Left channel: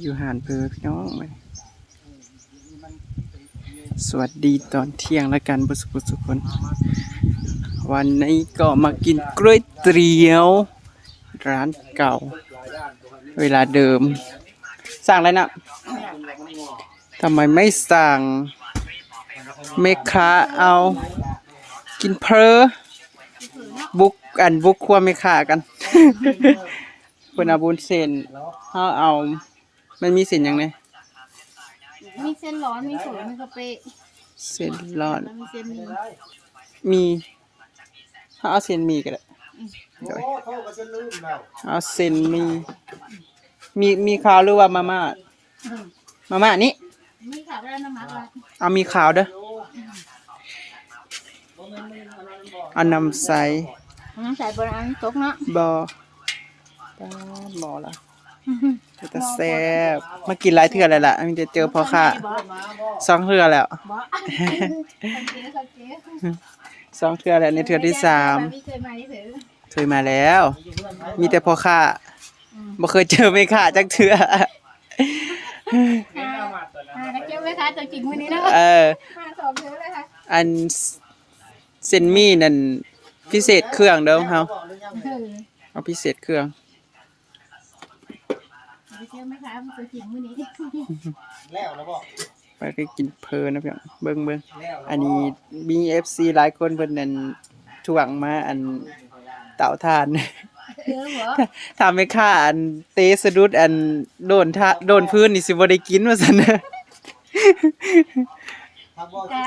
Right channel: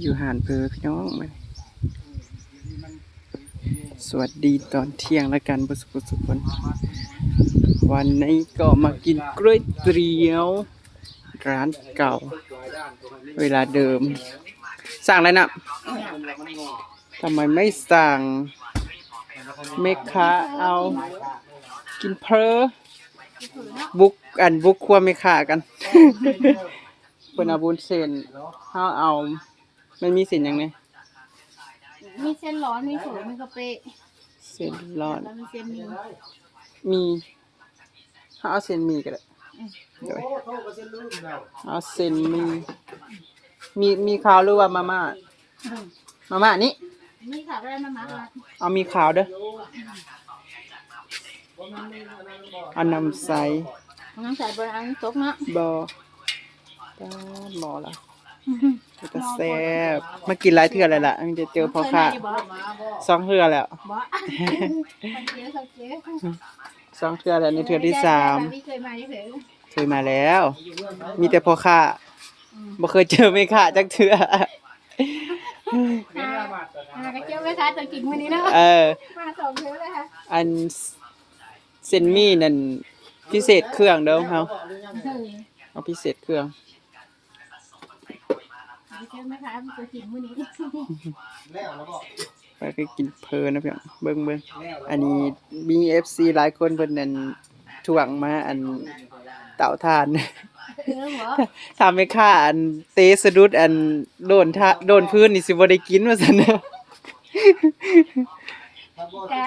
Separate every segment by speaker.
Speaker 1: อยู่หานเพอพี่น้องมาสวัสดีตอนเที่ยงแล้วกันบุสุบุสุคน วันนี้ก็มากินกล้วยเตี๋ยว ร้านเก่า เวลาเดิม สั่งอะไรนะทำไมไม่สั่งเมคาเอา กินเพอบุกอันบุกครัวเมคากันเพิ่นเอาบุญเส้นเฮาเอา มันมีเส้นหยังไง
Speaker 2: มีเส้นร้อนมีเฝอมีกะปิ
Speaker 1: เส้นร้อน
Speaker 2: แล้วมีเส้นหมี
Speaker 1: มีเฮาเอาเส้นหมีก็ได้โดยเอาเส้นหมีมีมีขาวหรือว่ามาม่ามาม่านี่
Speaker 2: มีขาวได้น้ำมันละ
Speaker 1: เอามีขาวเด้อเอาน้ำใส
Speaker 2: น้ำใส่บนอันตกเนาะ
Speaker 1: บอตาหมอละ จะแซ่บมากินหลายเทื่อแล้วล่ะมีแต่เจอพ่อค้า
Speaker 2: บ่
Speaker 1: สองเทื่อแล้ว
Speaker 2: บ่สังเกตสังเกต
Speaker 1: สองเทื่อแล้วในเทื่อที่สาม
Speaker 2: พี่เคยมาที่เผอ
Speaker 1: เคยมาแล้ว มีแต่พ่อค้า
Speaker 2: อืม
Speaker 1: บ่เคยเจอแม่ค้าจักเทื่อ
Speaker 2: อ่าอ่ากระเจี๊ยบไหมคะตัวจริงวันนี้เนาะ
Speaker 1: เออ
Speaker 2: มาสองเยอะเลยค่ะ
Speaker 1: อันเส้นหมี่นั่นพิเศษเครื่องเด้อเฮา
Speaker 2: เออ
Speaker 1: เอาพิเศษเครื่อง
Speaker 2: กระ เจี๊ยบไหมคะตัวจริงวันนี้
Speaker 1: ไปก็กินเพลินนะพี่น้องเบิ่งเบิ่งอันนี้มีเอฟซีหลายคนเพิ่นนั่นถ่วงมาอันเต่าทาน
Speaker 2: เออหัว
Speaker 1: ทำให้ข้าอันเตะสะดุดอันโดนทะโดนพื้นนี่สิบ่ได้กินว่าซั่นนะ
Speaker 2: กะ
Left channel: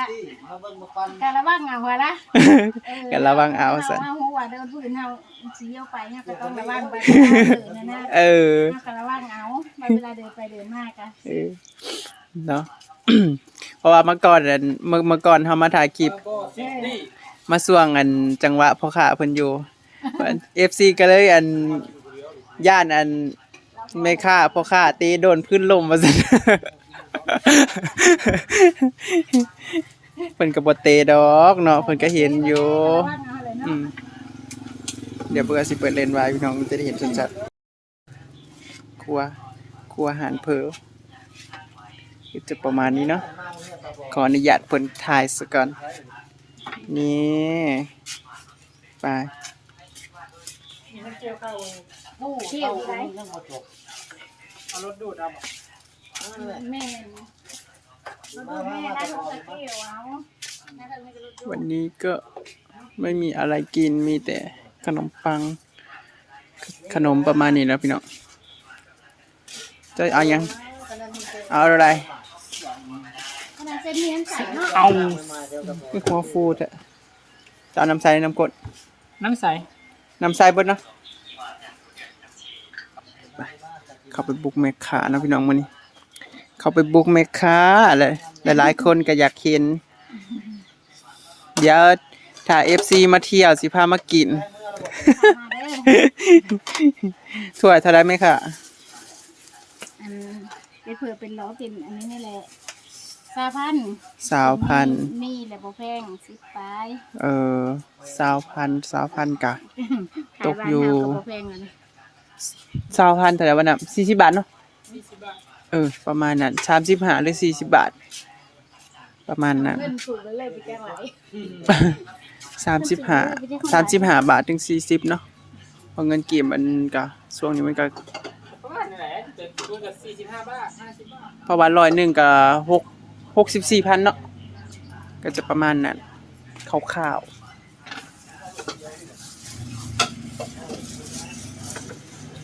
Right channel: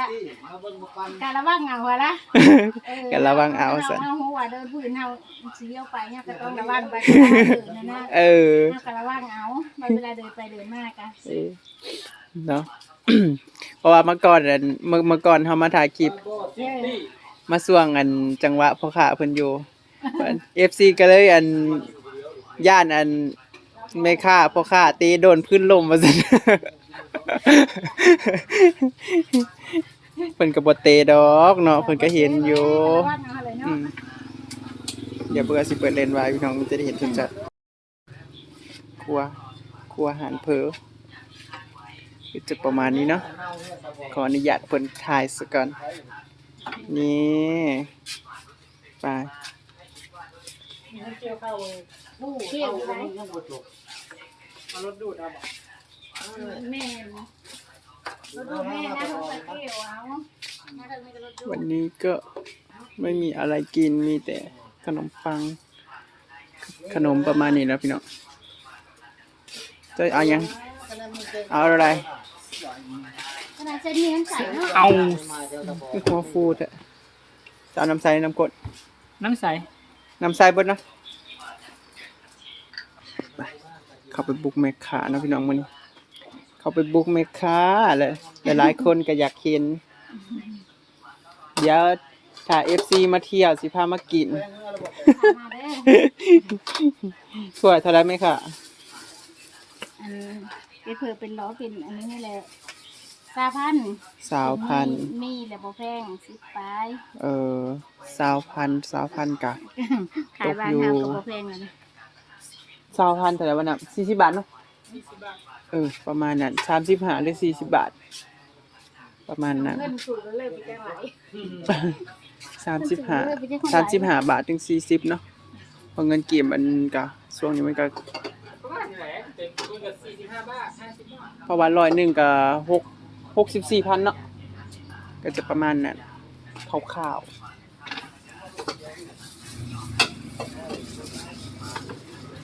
Speaker 2: กะระวังเอาหัวละเออ
Speaker 1: ก็ระวังเอาซั่น
Speaker 2: เอาหัวเดินพื้นเฮาสิเลี้ยวไปเนี่ยก็ต้องระวังไปเดินนะนะ
Speaker 1: เออ
Speaker 2: เอากะระวังเอาไปเวลาเดินไปเดินมากะ
Speaker 1: เออเนาะเพราะว่าเมื่อก่อนอันเมื่อเมื่อก่อนเฮามาถ่ายคลิป
Speaker 2: เออ
Speaker 1: มาส่วงอันจังหวะพ่อค้าเพิ่นอยู่เอฟซีก็เลยอันย่านอันไม่ค่าพ่อค้าตีโดนพื้นลมว่าซั่น เพิ่นก็บ่เตะดอกเนาะเพิ่นก็เห็นอยู่
Speaker 2: เอาเลย
Speaker 1: อื
Speaker 2: เนาะ
Speaker 1: มเดี๋ยวเบื่อสิเปิดเลนไว้พี่น้องจะได้เห็นชัดๆครัวครัวอาหารเพอก็จะประมาณนี้เนาะขออนุญาตเพิ่นถ่ายซะก่อน นี่ไป
Speaker 2: เที่ยวไป
Speaker 1: เอารถดูดเอาบ่
Speaker 2: แม่นะรถดูแม่นะรถตะเกียวเอาแม่ก็มีรถดู
Speaker 1: วันนี้ก็ไม่มีอะไรกินมีแต่ขนมปัง ขนมประมาณนี้แล้วพี่น้องจะเอายัง เอาอะไร
Speaker 2: ขนาดเส้นมีน้ำใสเนาะ
Speaker 1: เอาไม่หัวฟูดอะจะเอาน้ำใสน้ำกรด
Speaker 3: น้ำใส
Speaker 1: น้ำใสบดนะไปเข้าไปบุกแมคคานะพี่น้องมื้อนี้ เข้าไปบุกแมคคาเลยหลายๆคนก็อยากเห็นเดี๋ยวถ้า FC มาเที่ยวสิพามากิน
Speaker 2: มาเด้อ
Speaker 1: สวยเท่าไรไหมคะ
Speaker 2: อันเป็นเผื่อเป็นล้อเป็นอันนี้นี่แหละสาพัน
Speaker 1: สาวพันธุ์
Speaker 2: มีแหละบ่แพงสิบปลาย
Speaker 1: เออสาวพันธุ์สาวพันธุ์กะ
Speaker 2: ขายบ้าน
Speaker 1: ตกอยู่
Speaker 2: เฮาก็บ่แพงกันนะ
Speaker 1: สาวพันธุ์เท่าไหร่วะน่ะสี่สิบบาทเนาะ เออ ประมาณนั้นสามสิบห้าหรือสี่สิบบาท ประมาณนั้น
Speaker 2: เงินสูงก็เลยไปแจ้งไหล
Speaker 1: สามสิบห้าสามสิบห้าบาทถึงสี่สิบเนาะเพราะเงินเก็บมันกะช่วงนี้มันก็
Speaker 3: ประมาณนั้นแหละเต็มตัวกับสี่สิบห้าบาทห้าสิบบาท
Speaker 1: เพราะว่าร้อยหนึ่งก็หกหกสิบสี่พันเนาะก็จะประมาณนั้นคร่าวๆ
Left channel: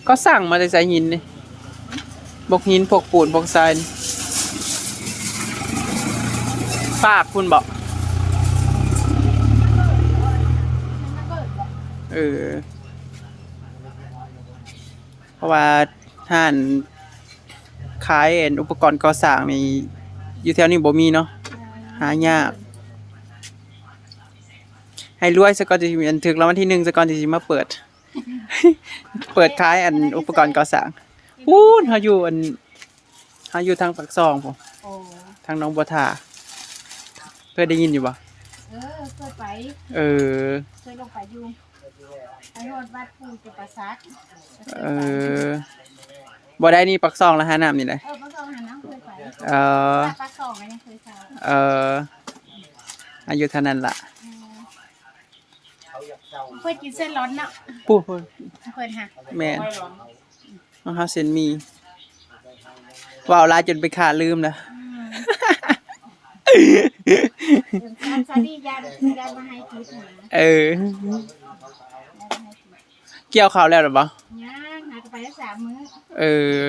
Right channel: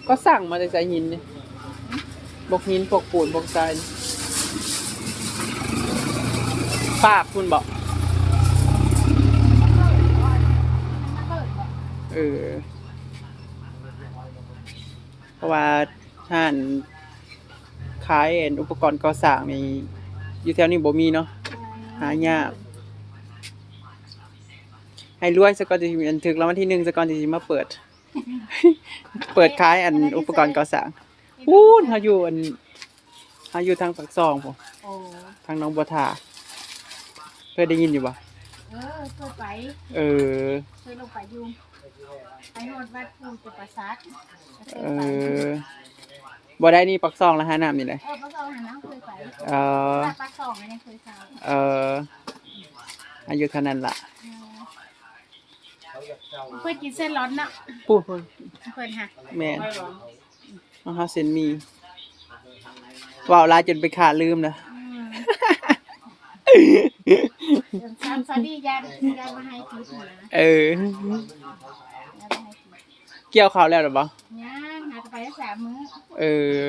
Speaker 1: ก็สั่งมาจากสายหินนี่ บกหินพวกปูนพวกทรายนี่ฝากคุณบอกเออ เพราะว่าท่านขายอันอุปกรณ์ก่อสร้างนี่อยู่แถวนี้บ่มีเนาะหายาก ให้รวยซะก่อนจะมีอันถึกรางวัลที่หนึ่งซะก่อนที่สิมาเปิด เปิดขายอันอุปกรณ์ก่อสร้าง อู้นเฮาอยู่อันเฮาอยู่ทางปากซองพุ่น
Speaker 2: โอ้
Speaker 1: ทางหน้องบัวทาเคยได้ยินอยู่บ่
Speaker 2: เออเคยไป
Speaker 1: เออ
Speaker 2: เคยลงไปอยู่ไปโนดวัดปูจุปราสักก็เคย
Speaker 1: เอ
Speaker 2: ไป
Speaker 1: อบ่ได้นี่ปักซองแล้วหาน้ำนี่เลย
Speaker 2: เออปลาสองหาน้ำเคยไป
Speaker 1: เออ
Speaker 2: ถ้าปลาสองก็ยังเคยเช่า
Speaker 1: เอออายุเท่านั้นล่ะ
Speaker 2: เออเพื่อกินเส้นร้อนเนาะ
Speaker 1: ปูปู
Speaker 2: เพื่อนค่ะ
Speaker 1: แม่น เอาเฮาเส้นหมีว่าวหลายจนไปขาดลืมแล้ว
Speaker 2: อืมซาดียาได้มาให้กินนะ
Speaker 1: เออ
Speaker 2: ได้มาให้กิน
Speaker 1: เกี่ยวข้าวแล้วหรือเปล่า
Speaker 2: ย่างหายไปได้สามมื้อ
Speaker 1: เออ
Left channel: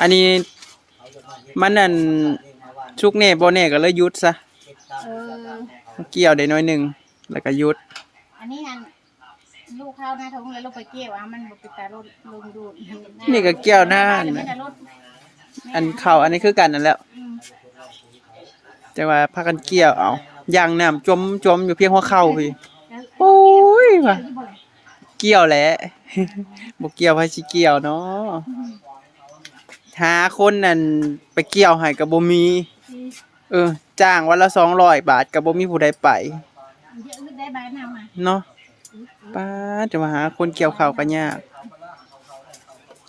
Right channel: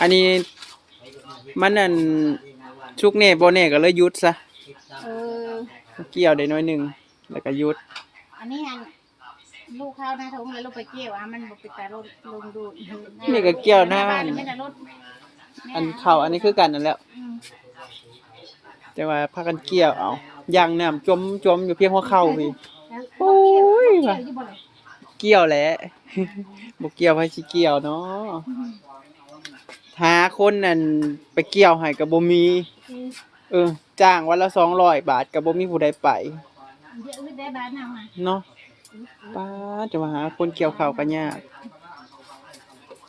Speaker 1: อันนี้มันนั่นชุกแน่บ่แน่ก็เลยหยุดซะ
Speaker 2: เออ
Speaker 1: เกี่ยวได้น้อยหนึงแล้วก็หยุด
Speaker 2: อันนี้อัน ลูกเข้าหน้าท้องเลยลูกไปเกี่ยวอะมันบ่ไปตาลดลงดูด
Speaker 1: นี่ก็เกี่ยวหน้า
Speaker 2: บ้เดี๋ยวไม่ได้ลด
Speaker 1: อันเข้าอันนี้คือกันนั่นแหล้ว
Speaker 2: อืม
Speaker 1: แต่ว่าพากันเกี่ยวเอาย่างน้ำจมจมอยู่เพียงหัวเข่าพี่
Speaker 2: แล้ว
Speaker 1: โอ้ย
Speaker 2: เกี่
Speaker 1: ว่ะ
Speaker 2: ยวอยู่บ่เลย
Speaker 1: เกี่ยวแหละ บ่เกี่ยวไผสิเกี่ยวเนาะหาคนนั่นไปเกี่ยวให้ก็บ่มี
Speaker 2: อืม
Speaker 1: เออ จ้างวันละ200บาทก็บ่มีผู้ใดไป
Speaker 2: เดี๋ยวอึดได้บ้านเฮาอะ
Speaker 1: เนาะ ป้าดจะมาหาคนเกี่ยวข้าวก็ยาก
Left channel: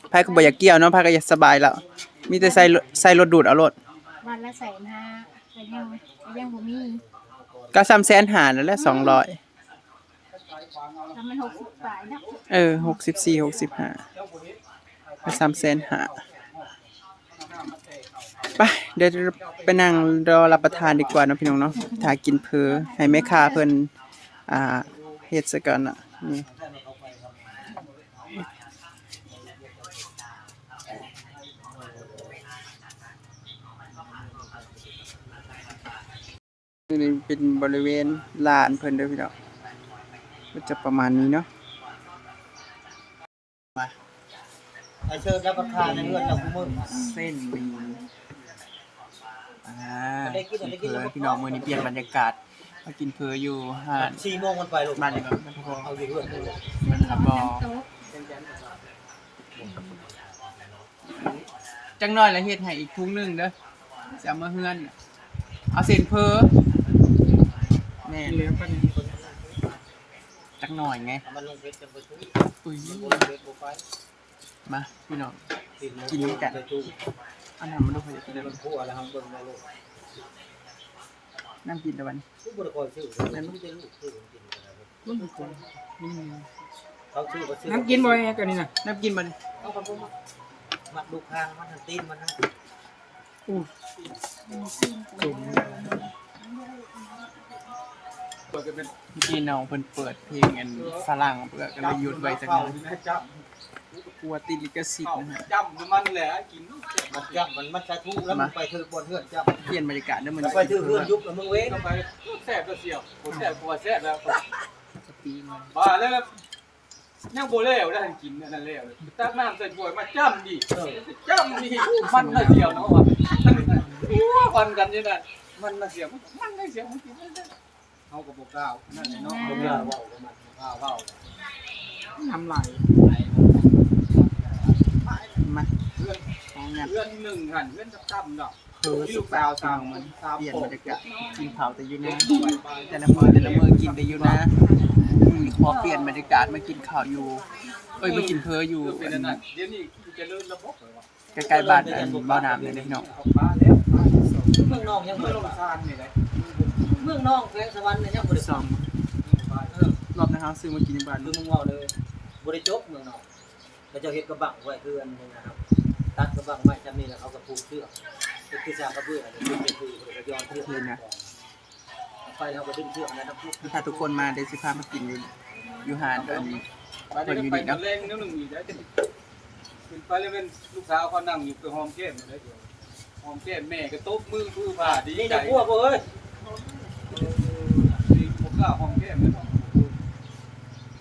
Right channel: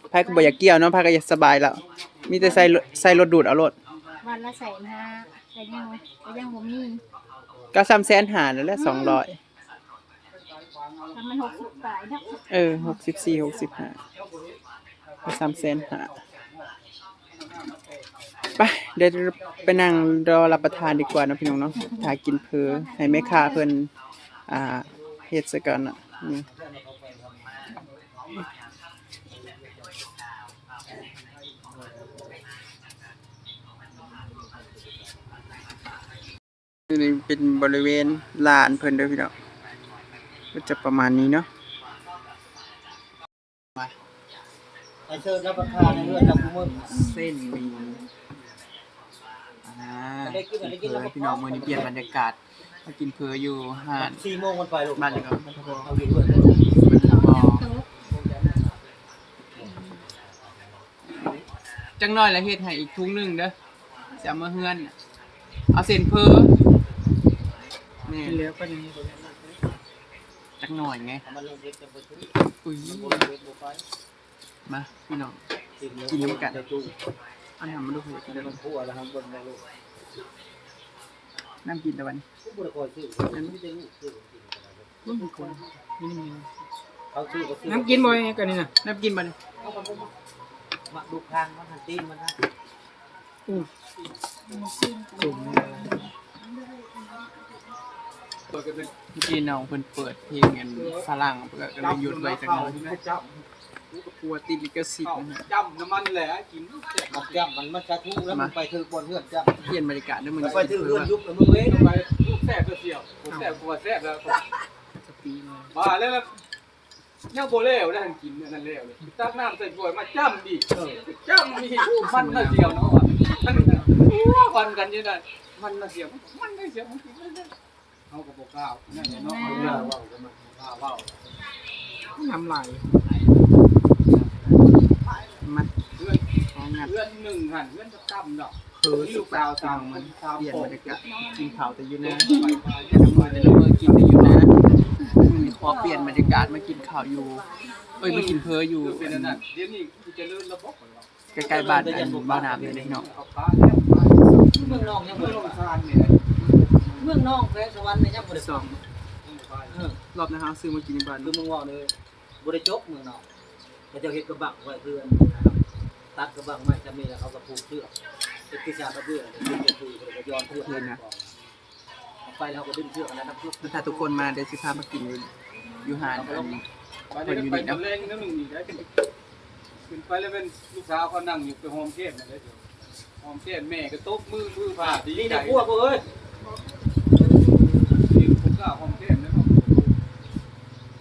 Speaker 1: ไผก็บ่อยากเกี่ยวเนาะไผก็อยากสบายแล้ว มีแต่ใส่รถใส่รถดูดเอารถ
Speaker 2: วันละแสนห้าแต่ยังแต่ยังบ่มี
Speaker 1: ก็3แสนหานั่นแหละ200
Speaker 2: ถ้ามันหกสิบบาทเนาะ
Speaker 1: เออ64 65ก็3แสนหาไปเดี๋ยวไปนั่งรอรับประทานดีกว่าเนาะพี่น้องเนาะถ้ากินเพอให้แม่ค้าเพิ่นอ่า เฮ็ดซะก่อนน่ะนี่นี่เป็นบริเวณลานเพิ่นเด้อพี่น้องก็จะประมาณนี้เนาะ
Speaker 4: ไอเชิญรับประทานในเลือดจากมือ
Speaker 1: เส้นหมีอ่า
Speaker 4: ได้กินได้กินแล้วก็
Speaker 1: พี่น้องมื้อนี้เปลี่ยนบรรยากาศ มากินเพออยู่หาด
Speaker 4: สี่โมงมันไปลูก
Speaker 1: บ้านเหลืองบ้านทะบอ
Speaker 4: เอาอยู่ด้วย
Speaker 1: บ้านทะบอจังน้อยละเฮ็ดให้อีกทุงหนึงเด้อจะเอามาเฮือนน่ะเอาเส้นเพอแม่เหลือปานนี้จักหน่อยไง
Speaker 4: มันลงเพชรจะไปซื้อ
Speaker 1: อุ้ย
Speaker 4: บนเพชรบัวไฟ
Speaker 1: มาพี่น้อง
Speaker 4: กินน้ำกันจุ่ม
Speaker 1: เอันน้ำมาดูพอจะได้
Speaker 4: มันทั่วแล้วครับบนมาลูก
Speaker 1: น้ำกินตะวัน
Speaker 4: ทุกบริกรชื่อนั่นไม่ได้ลูกชื่อกินเขาชื่อเขาชื่อ
Speaker 3: น้ำกินบ่อยไงกันนี่นะ
Speaker 1: น้ำกินบ่เนี่ย
Speaker 4: เขาก็บอกมาดูคางมันทันตีนมันนะ
Speaker 1: จุ่มพี่น้องเพิ่นเปิดเพลงอันฝรั่งเพื่อก็เลยหยุดไว้จักหน่อย กลัวติดลิขสิทธิ์นะฮะ
Speaker 3: จำน้ำมันแหละกิน
Speaker 4: มันจับมันมันจะทุกแล้วมันไปถือบนเฮือนจับ
Speaker 1: เปลี่ยนบรรยากาศเด้อมื้อ
Speaker 4: แล้ว
Speaker 1: นี้
Speaker 4: ไปถือเฮือนยุบแล้วมึงเว้ย
Speaker 3: ทำไมแซ่บเสียวแซ่บกว่าแซ่บแล้ว
Speaker 1: สปีมา
Speaker 3: มาแล้วยังโบเล่วได้กินนั่นเล่วเลยตักน้ำใส่ถ้วยมาจ้ำดิจ้ำดิมันน่าเสียวเนาะว่ะมันกันยังไงมันน่าเสียวมันน่าเสียวมันกินได้เอากับโบก้าวนั่นเนาะ
Speaker 4: เอา
Speaker 3: เอา
Speaker 4: เรื่
Speaker 3: เรื่
Speaker 4: อ
Speaker 3: องง
Speaker 4: ว่ากันมัน
Speaker 3: ว้าวว้าว
Speaker 1: น้ำไหล มา
Speaker 3: เพื่อน
Speaker 1: ของงาน
Speaker 3: เพื่อนหนึ่งหันเพื่อนจะตั้มเนาะ
Speaker 1: เคือสุกสาวสาวมันเปลี่ยนบรรยากาศกินข้าวแต่อยู่นะแต่ละมื้อแต่ละมื้อกินแต่อยู่นะมื้อนี้ขอเปลี่ยนบรรยากาศมากินข้าวอยู่เอ้ยมากินเพออยู่
Speaker 3: เป็นอันนั้นเดี๋ยวนี้จะเลื่อนระบบ
Speaker 1: ใกล้ๆบ้านอันบ้านน้ำเลยนะพี่น้อง
Speaker 3: เขาป้าแล้ว
Speaker 4: เมืองนอกยัง
Speaker 3: เมื่
Speaker 4: บ่
Speaker 3: อล
Speaker 4: ได้
Speaker 3: งทานนี่เลย
Speaker 4: เมืองนอกแขวงสวรรค์เนี่ยยังบ่ได้
Speaker 1: สอง
Speaker 4: เออ
Speaker 1: รอบนะครับซื้อมากินในบ้าน
Speaker 4: คือมึงว่าเลยบริจบเมืองนอกเขาจะเฮ็ดกระบังไว้เพื่อนนะครับ ตัดกระบังไว้ชั้นนี้แล้วเขาก็ผูกเชือกเป็นคือสากระเบื้องเนี่ยคือคือบริกย้อนเชือกไปแล้วก็ดึงเชือกอันนั้นนะพุก
Speaker 1: ถ้าทุกคนมาเดี๋ยวสิพามากินอยู่อยู่หาดอัน
Speaker 3: ไปเดี๋ยวไปตะเลงน้ำหนึ่งนี่ได้ขึ้นไปแล้วเป็นลูกสาวเขานั่งอยู่ไปหอมแก้มเลยหอมแก้มแม่ก็ตบมือมือผ่าดี
Speaker 4: นี่
Speaker 3: ใจ
Speaker 4: นะพวกเอ้ย
Speaker 3: นี่ผมก็หอมแก้มแล้วเนาะ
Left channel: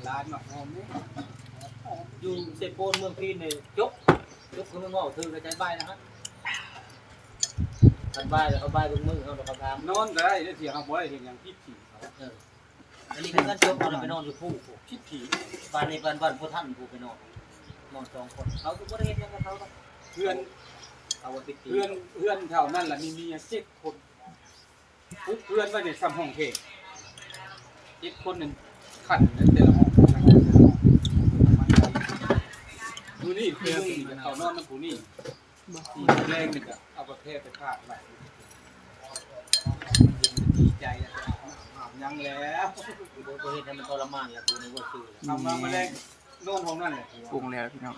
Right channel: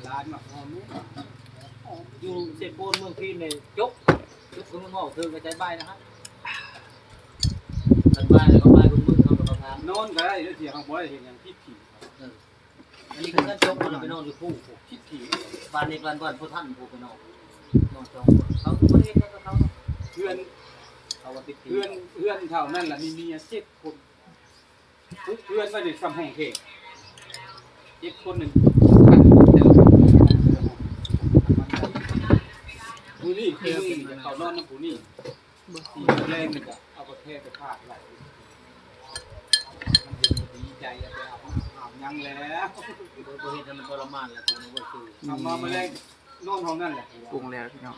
Speaker 3: ร้านมาหอมนี่
Speaker 4: อยู่เซโปนเมืองพีนเนี่ยจกจกคือมึง ว่าเธอกระจายใบนะฮะทันใบแล้วก็ใบบิ่งมือเขากับพาม
Speaker 3: นอนก็ได้เดี๋ยวเสียงของบ่ได้เห็นอย่างพิษผีเขา
Speaker 4: เอออันนี้คือการจกมันไปนอนอยู่ผู้ผู้
Speaker 3: พิษผี
Speaker 4: บ้านในบ้านบ้านพ่อท่านผู้ไปนอนนอนสองคนเขาคือบ่ได้เฮ็ดหยังกับเขาเพื่
Speaker 3: อน
Speaker 4: เอาว่าปิด
Speaker 3: เพื่อนเพื่อนเท่านั้นแหละมีเมียเจ็ดคนเพื่อนว่าเนี่ยซ้ำห้องเพลเจ็ดคนหนึ่งขันแต่ละ นมือนี่ที่มึงจะเขานอนน้ำผู้นี่ที่แรงนี่ก็เอาประเทศไปพาดไหลมันจะดีใจแล้วจะเอาอาบยังแล้ว
Speaker 4: บ่เฮ็ดให้มันทรมานแล้วกูนึกว่าคือ
Speaker 3: ทำมาแมลงนอนห้องนั่นแหละ
Speaker 1: ปรุงแล้วพี่น้อง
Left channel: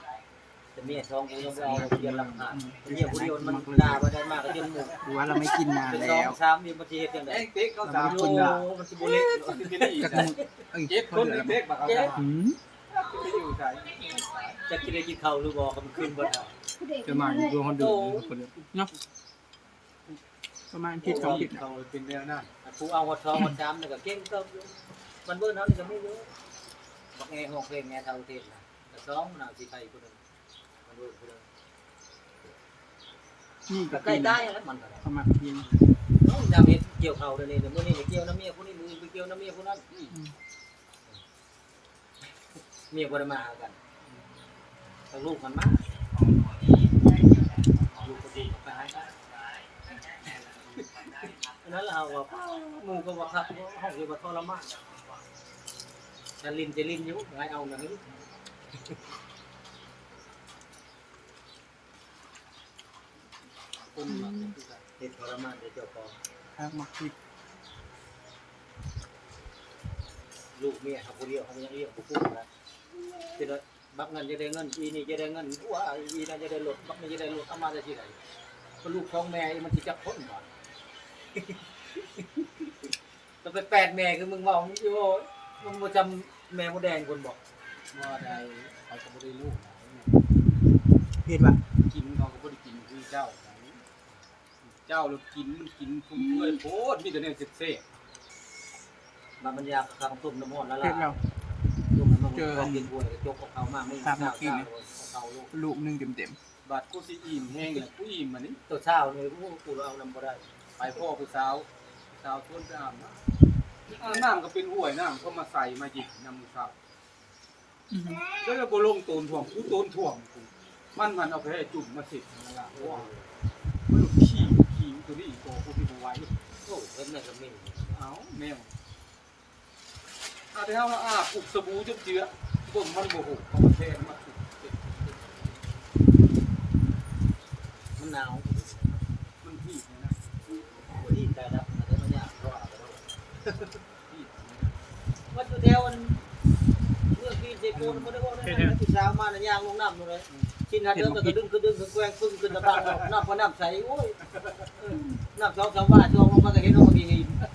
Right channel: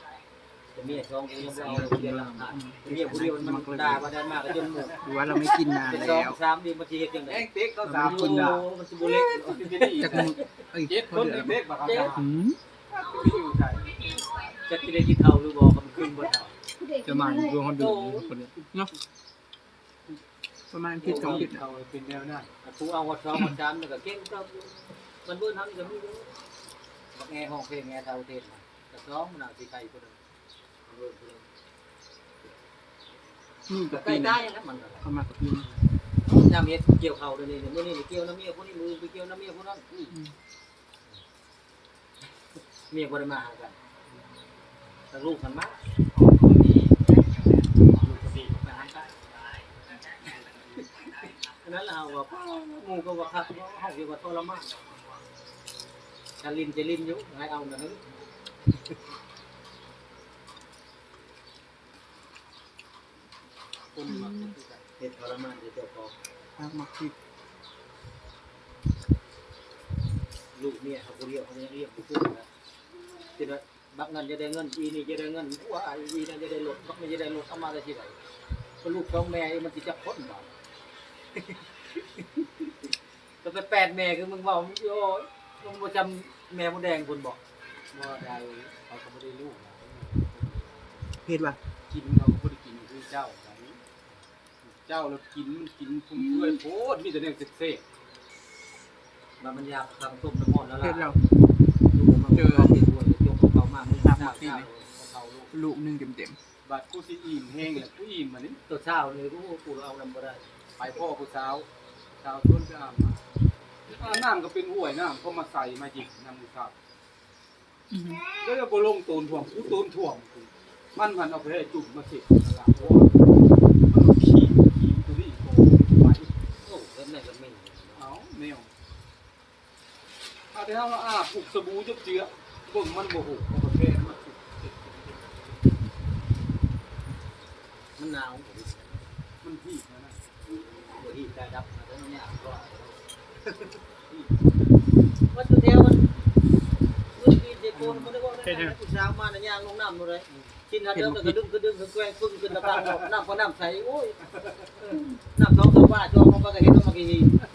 Speaker 4: แต่เมียท้องกูยังบ่เอาเรียนหลักฐานเมียผู้เดียวมันด่าบ่ได้มากก็จนหมด
Speaker 1: ดูว่าเราไม่กินนาน
Speaker 4: เป็น
Speaker 1: แล้
Speaker 4: สอง
Speaker 1: ว
Speaker 4: สามนี่มันสิเฮ็ดจังได๋
Speaker 3: แองเต็กเราสาม
Speaker 4: โอ้
Speaker 3: คนละ
Speaker 4: มันสิบ่เล็ก
Speaker 3: ที่นี่
Speaker 1: จากมึงเอ้ย
Speaker 3: เจ็ด
Speaker 1: พ
Speaker 3: ค
Speaker 1: อนเดือด
Speaker 3: ที่
Speaker 1: แล้ว
Speaker 3: เต็กบักเขา
Speaker 1: หืม
Speaker 3: อยู่ใจ
Speaker 4: จะสิได้กินข้าวหรือบ่ก็มันขึ้นบ่ได้
Speaker 2: ผู้เด็ก
Speaker 5: จะมาอยู่ดวงคนเดือดคนเดือด
Speaker 1: เนาะประมาณผิดสองผิด
Speaker 3: เขาเป็นแนวนั้น
Speaker 4: ผู้เอาวัดสองวัดสามนี่ก็เก่งเติบอยู่มันเบิ่นเฮานี่ก็มีอยู่บักแงห้องเพลงแงเท่าเทศน่ะแต่สองมันเอาสิใครผู้หนึงมันเบิ่นผู้หนึง
Speaker 1: นี่
Speaker 4: ก็
Speaker 1: ก็
Speaker 4: ใกล้
Speaker 1: ปีน
Speaker 4: ได้แล้วมันก็ได้
Speaker 1: เขามาปีน
Speaker 4: จำเฮ็ดเกี่ยวเขาเดี๋ยวนี้เดี๋ยวมื้อนี้ไปเกี่ยวน้ำเมียผู้นี้มือไปเกี่ยวน้ำเมียผู้นั้นเมียบ่ได้มาหากัน แต่ลูกมันมาลูกก็ลูกก็ไปหากันอันนั้นแหละเอาว่าป้าหมู่ก็ว่าคักว่าเฮาสิว่าทรมานฉันลิ้นจะลิ้นอยู่ให้เอานะนี่คนมักเฮ็ดทรมานเดี๋ยวเจ้าของ
Speaker 1: ทางมาผิด
Speaker 4: ลูกเมียเขาคนเดียวเขายังเรียกผู้กู้นะทีนั้น บักเงินจะได้เงินอีนี่จะได้เงินว่าอีนั่นจะได้รถบักนี่จะได้รถเอามาได้ที่ไหนเพราะลูกสองแม่มันจะจับคนบ่ก็ไปแปดแม่คือมึงบอกมึงโอ้ยมึงบ่จำแม่มดแดงคนบอก
Speaker 3: ว่าใดเขาก็ไม่ได้ลูกหลาน
Speaker 1: เพศว่ะ
Speaker 3: กินเขาก็ไม่ได้กินคือเจ้าไหนเจ้าเรากินมันกินพุ่มเพื่อยโพดมีแต่เนี่ยเซ็ก
Speaker 4: มันมันอยากทำต้มน้ำมันแล้ว
Speaker 1: เพ
Speaker 4: ล่ะ
Speaker 1: ศเรา
Speaker 4: ลูกมัน เขาติดป่วยจกของเขามามึงเช้าเช้าเขาลูก
Speaker 1: ลูกหนึงเต็ม
Speaker 3: ๆบาดกูสิอิ่มแห้งแหละกูอิ่มมันนี่
Speaker 4: ตัวเช้าเลยกูกูเอานำบ่ได้
Speaker 3: ไปพ่อผู้สาวสาวชวนไปอาบน้ำอาบน้ำก็เป็นห่วยน้ำเขามาใส่มาหยิบน้ำมือครับ
Speaker 1: ๆอือหือ
Speaker 3: แล้วก็บ่ลงตูนถ่วงกูตูนถ่วงกูมันมันเอาไปให้จุ่มมาสินั่นล่ะโอ้มันขี้ขี้ตัวนี้โกงไป
Speaker 4: โอ้เพิ่นน่ะก็มี
Speaker 3: เอาแมวถ้าที่เฮาอาบปลุก สบู่จบเจือเบิ่งมันบ่ฮู้ของประเทศมันถูกติด
Speaker 4: มันหนาว
Speaker 3: มันพี่นะนะ
Speaker 4: บ่ดีได้ดับนะแต่มันยากรอดก็ว่าจุดเดียวมันเมื่อกี้เด็กโกนบ่ได้ว่าได้นะผู้สาวมาน่ะย่างลงน้ำนู่นเลยกินหาเดิมแต่ก็ดึงก็ดึงก็แกว่งปึ้งขึ้นตะตางออกน้ำก็น้ำใสโอ้ยน้ำสองสาวบ้านจองลงไปก็เห็นลงมากี่เขาก็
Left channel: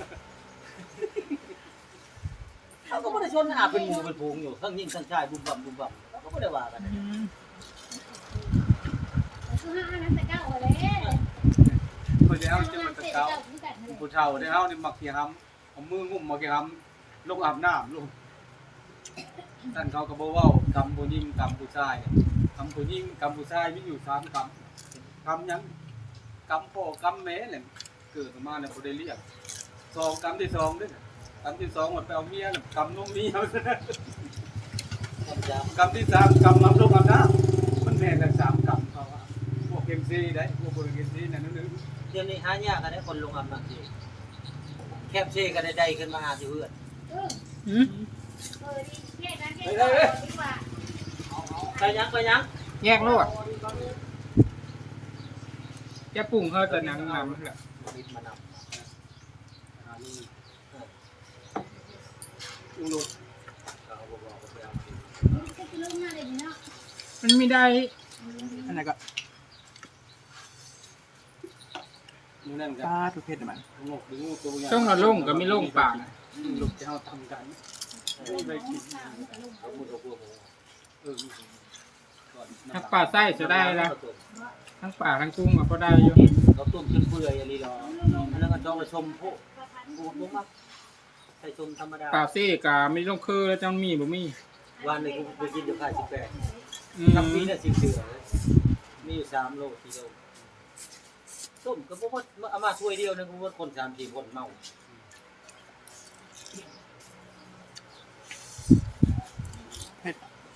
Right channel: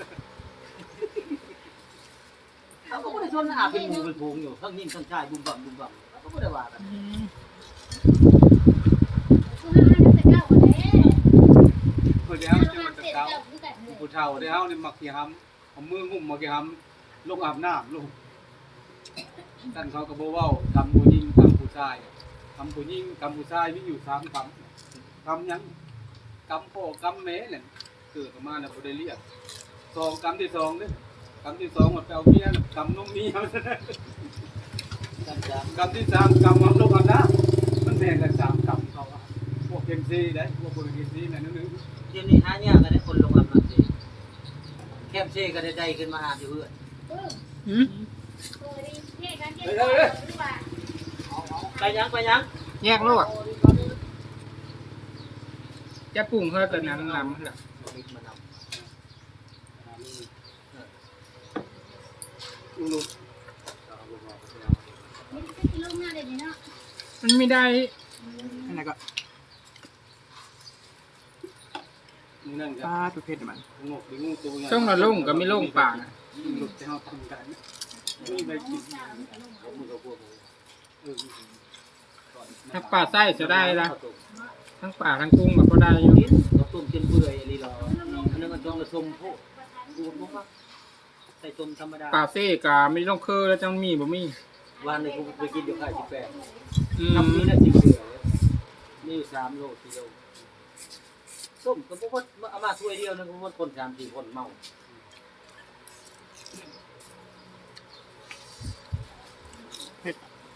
Speaker 4: บ่ได้ชนอาบเป็นหมู่เป็นพงอยู่ทั้งยิงทั้งชายบุ่มบ่ำบุ่มบ่ำเขาก็บ่ได้ว่ากัน
Speaker 2: คือห้านักแต่เก้าวันนี้
Speaker 3: เพิ่นแล้วจังหวัดตะเกาผู้เฒ่าได้เฮานี่มักสิหำเอามืองุ่มมาสิหำลงอาบน้ำลงท่านเขาก็บ่เว้ากำผู้หญิงกำผู้ชายกำผู้หญิงกำผู้ชายมีอยู่สามกำกำยังกำพ่อกำแม่แหละเกิดมาเนี่ยบ่ได้เรียกสองกำที่สองเด้อ กำที่สองมันไปเอาเมียน่ะกำนมเมีย
Speaker 4: กำจับ
Speaker 3: กำที่สามกำมันลงอาบน้ำมันแม่นกันสามกำเขาอะพวกเกมซีได้พวกเบอร์เกมซีน่ะนึง
Speaker 4: เดี๋ยวนี้หายากกันได้คนลงอาบน้ำสิแคบเช่กันได้ขึ้นมาหาที่เพื่อน
Speaker 1: หืม
Speaker 4: ไปยังไปยัง
Speaker 1: แยกโลดจะปรุงเฮาตัวหนังนำเหรอ
Speaker 4: มิดมาน
Speaker 3: หาลูก ลูกลูกำ
Speaker 4: เราบอกบอกไปเอามาดี
Speaker 1: มันไม่ได้อันนั้นก็
Speaker 3: มือนั่นกั
Speaker 1: ปลาทุกเพศมัน
Speaker 3: งกหรืองูตัวใหญ่
Speaker 5: ช่องละลงก็ไม่ลงป่าน่ะ
Speaker 3: ลูกจะเอาทำกันไม่ไปกิน
Speaker 4: เอามือเอาพวกหมู
Speaker 3: เออก่อน
Speaker 5: ทั้งป่าไส้จะได้ละทั้งป่าทั้งกุ้งมันก็ได้อยู่
Speaker 4: เราต้มจนเปื่อยอะไรหรออันนั้นก็ต้องละชมโพดกูผมมัก ใส่ชมธรรมดา
Speaker 5: ป่าเซ่กาไม่ต้องคือแล้วจังมีบ่มี
Speaker 4: วันนึงกูไปกินอยู่ค่ายสิบแปด
Speaker 5: อืม
Speaker 4: ทำนี้ได้สิบเดือนเลยมีอยู่สามโลสี่โลต้มก็บ่ว่าเอามาถ้วยเดียวนึงก็บ่คนสามสี่คนเมา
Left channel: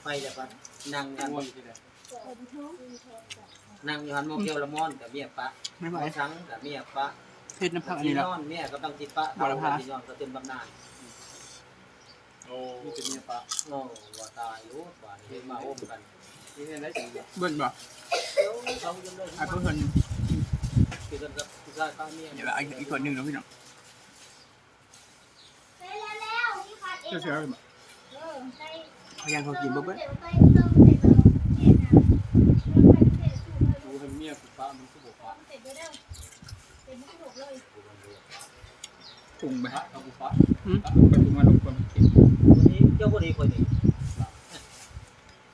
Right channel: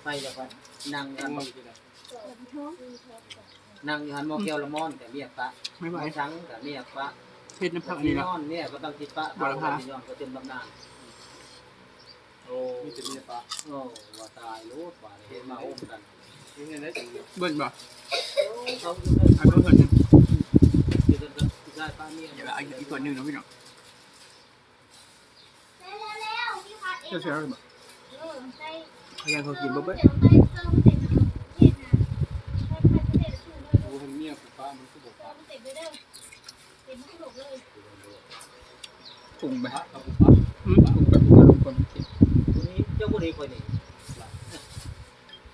Speaker 4: ไปแล้วก็นั่งกัน
Speaker 3: ง่วงที่ไหน
Speaker 4: นั่งอยู่หันโมเกียวละมอนกับเมียปะ
Speaker 1: ไม่ไหว
Speaker 4: หมอช้างกับเมียปะ
Speaker 1: เพศน้ำผักอัน
Speaker 4: ที่
Speaker 1: นี้
Speaker 4: น
Speaker 1: แล้ว
Speaker 4: อนเมียกับบางสิปะ
Speaker 1: บ่ละพา
Speaker 4: ที่นอนก็เต็มบำนาน
Speaker 3: โอ้มีแต่เมียปะ
Speaker 4: โอ้ว่าตายรู้ว่าเห็นมาโอ้มกัน
Speaker 3: นี่เห็นได้จริง
Speaker 1: เบิ่งบ่
Speaker 4: เขาจะได้
Speaker 1: อันเบิ่งคนหนึง
Speaker 4: เกี่ยวกับผู้ชายป้าเมีย
Speaker 1: เดี๋ยวเอาอีกคนหนึงเนาะพี่น้อง
Speaker 2: ใส่แล้วแล้วพี่ขาดเอง
Speaker 5: เจ้าเสือเลยบ่
Speaker 2: เออใส่
Speaker 1: เขายังเขากินบ่เบิด
Speaker 2: ใส่
Speaker 3: ป
Speaker 2: รุ
Speaker 5: งไป
Speaker 3: ป้าเขากูป้า
Speaker 1: อืม
Speaker 5: ปรุงไปปรุงมาลงไปมันกิน
Speaker 4: วันนี้เจ้าบ่ดีคอยนี่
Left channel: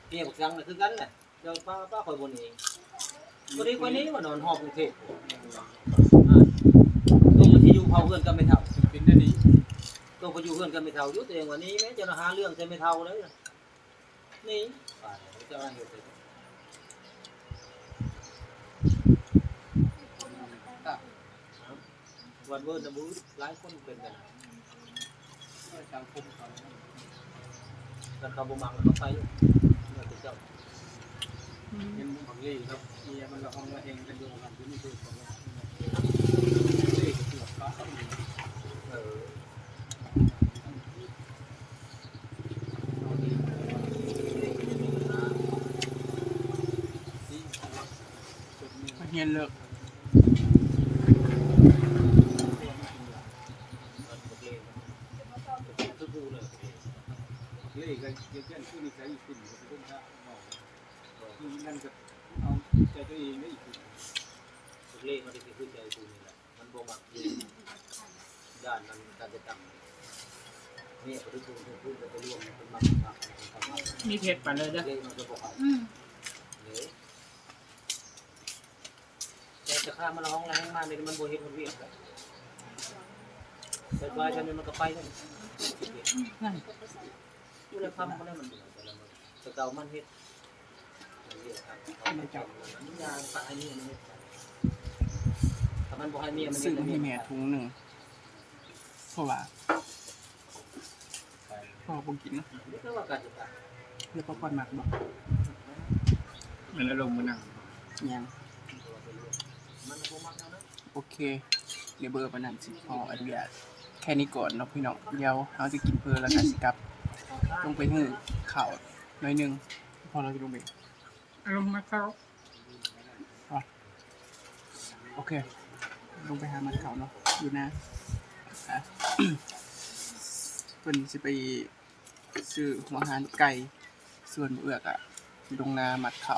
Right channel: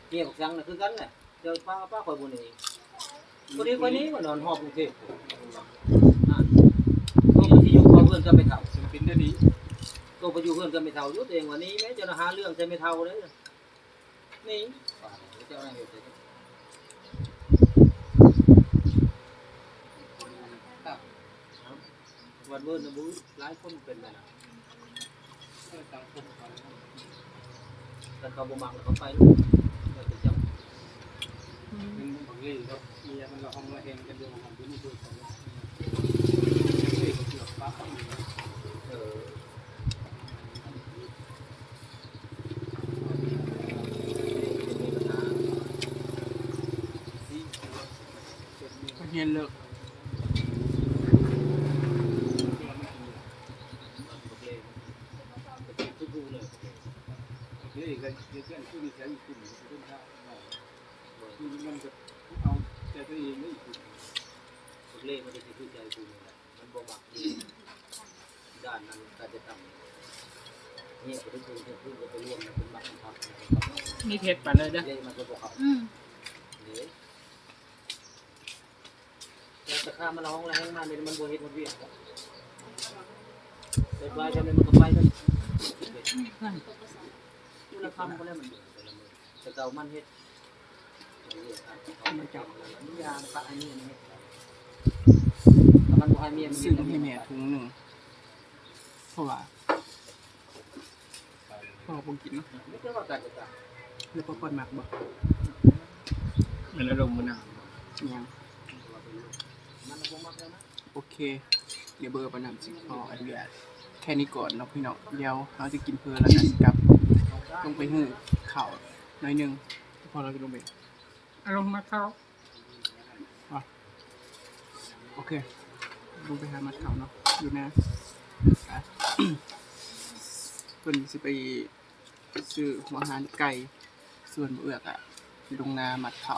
Speaker 4: เนี่ยบักสังน่ะคือกันแหละเจ้าป้าป้าคอยบ่นี่บ่ดีคอยนี้มานอนหอบกรุงเทพอ่าก็มันสิอยู่เผาเพื่อนก็ไม่เท่า
Speaker 3: จะเป็นได้ดี
Speaker 4: ก็ไปอยู่เพื่อนก็ไม่เท่าอยู่ตัวเองวันนี้แม้จะหาเรื่องจะไม่เท่าเลยนี่ป่าเจ้าอะไรเหตุ
Speaker 3: ตั้ง
Speaker 4: วันเวิร์นนะบูหลายคนเป็นไปนะ
Speaker 3: สังคมเขา
Speaker 4: แล้วเขาบ่มักแล้วเขาไปลูกเลิกเป็นเจ้า
Speaker 3: เป็นบางเรื่องครับเมียมันเราห้องมาเองกันดูงานที่นี่ดูกันเลยเฮ้ยเกี่ยวป้าเขามี
Speaker 4: เออ
Speaker 3: ที่จุดนี้
Speaker 1: เขาเฮียนเลิก
Speaker 3: ที่ว่ามันกินยา
Speaker 4: มันบกเล่มันเป็นคือกูเลย
Speaker 3: เยก็เยอะแยะที่นี่ใช้อีกขึ้นขึ้นข้าวเนาะที่นั่นก็เอาใจตัวเองได้อีกขึ้น
Speaker 4: บกเล่มันเป็นคือใจกูนี่แหละมันบ่มักดีด้านนั้นการจะตั้งเนี่ยพอถึงกูเนี่ยพึ่งจะไปร่วมมันเป็นมักมัก
Speaker 5: นี่เทศไปเลยเด้อ
Speaker 4: เล่มันก็บอกเขาเดี๋ยวแต่จะข้ามันร้องแรงมากเนี่ยมันบ่เฮ็ดมันเวียกกันแต่ว่าจะเนี่ยมันก็ไปทั้ง กูเลยคำก็ได้มันเบื่อแต่ละมื้อแต่เก่ามันเฮ็ดมันเวียกกันเขาไม่จับมันอันนี้ยางปะอันนี้มันเฮ็ดไปถ้ามันบ่ให้เมียมันเฮ็
Speaker 1: ซื้
Speaker 4: ด
Speaker 1: อมาให้แม่ถุงหนึงเพราะว่าพ่อบ่กินเนาะ
Speaker 4: ไม่ใช่ว่าการจะตัด
Speaker 1: แล้วพ่อก่อนมักบ่
Speaker 5: มันอารมณ์มันหนาว
Speaker 1: ยัง
Speaker 4: ตัวเป็นลูกมันบ่มักแล้วนะ
Speaker 1: โอเค เดี๋ยวเบอร์ประนำสิพออนุญาตแค่นี้ก่อนเนาะพี่น้องเดี๋ยวเราจะกินเพลินแล้วก็สิกลับ ลงไปหื้อข้าวหน่อยหนึงพอเราจะลงไป
Speaker 5: อารมณ์มาเข้า
Speaker 1: โอเค ลงไปหามัดเขาเนาะอยู่นะอะ เพิ่นสิไปซื้อหัวอาหารไก่ส่วนบ่เอือกอะลงนามัดเขา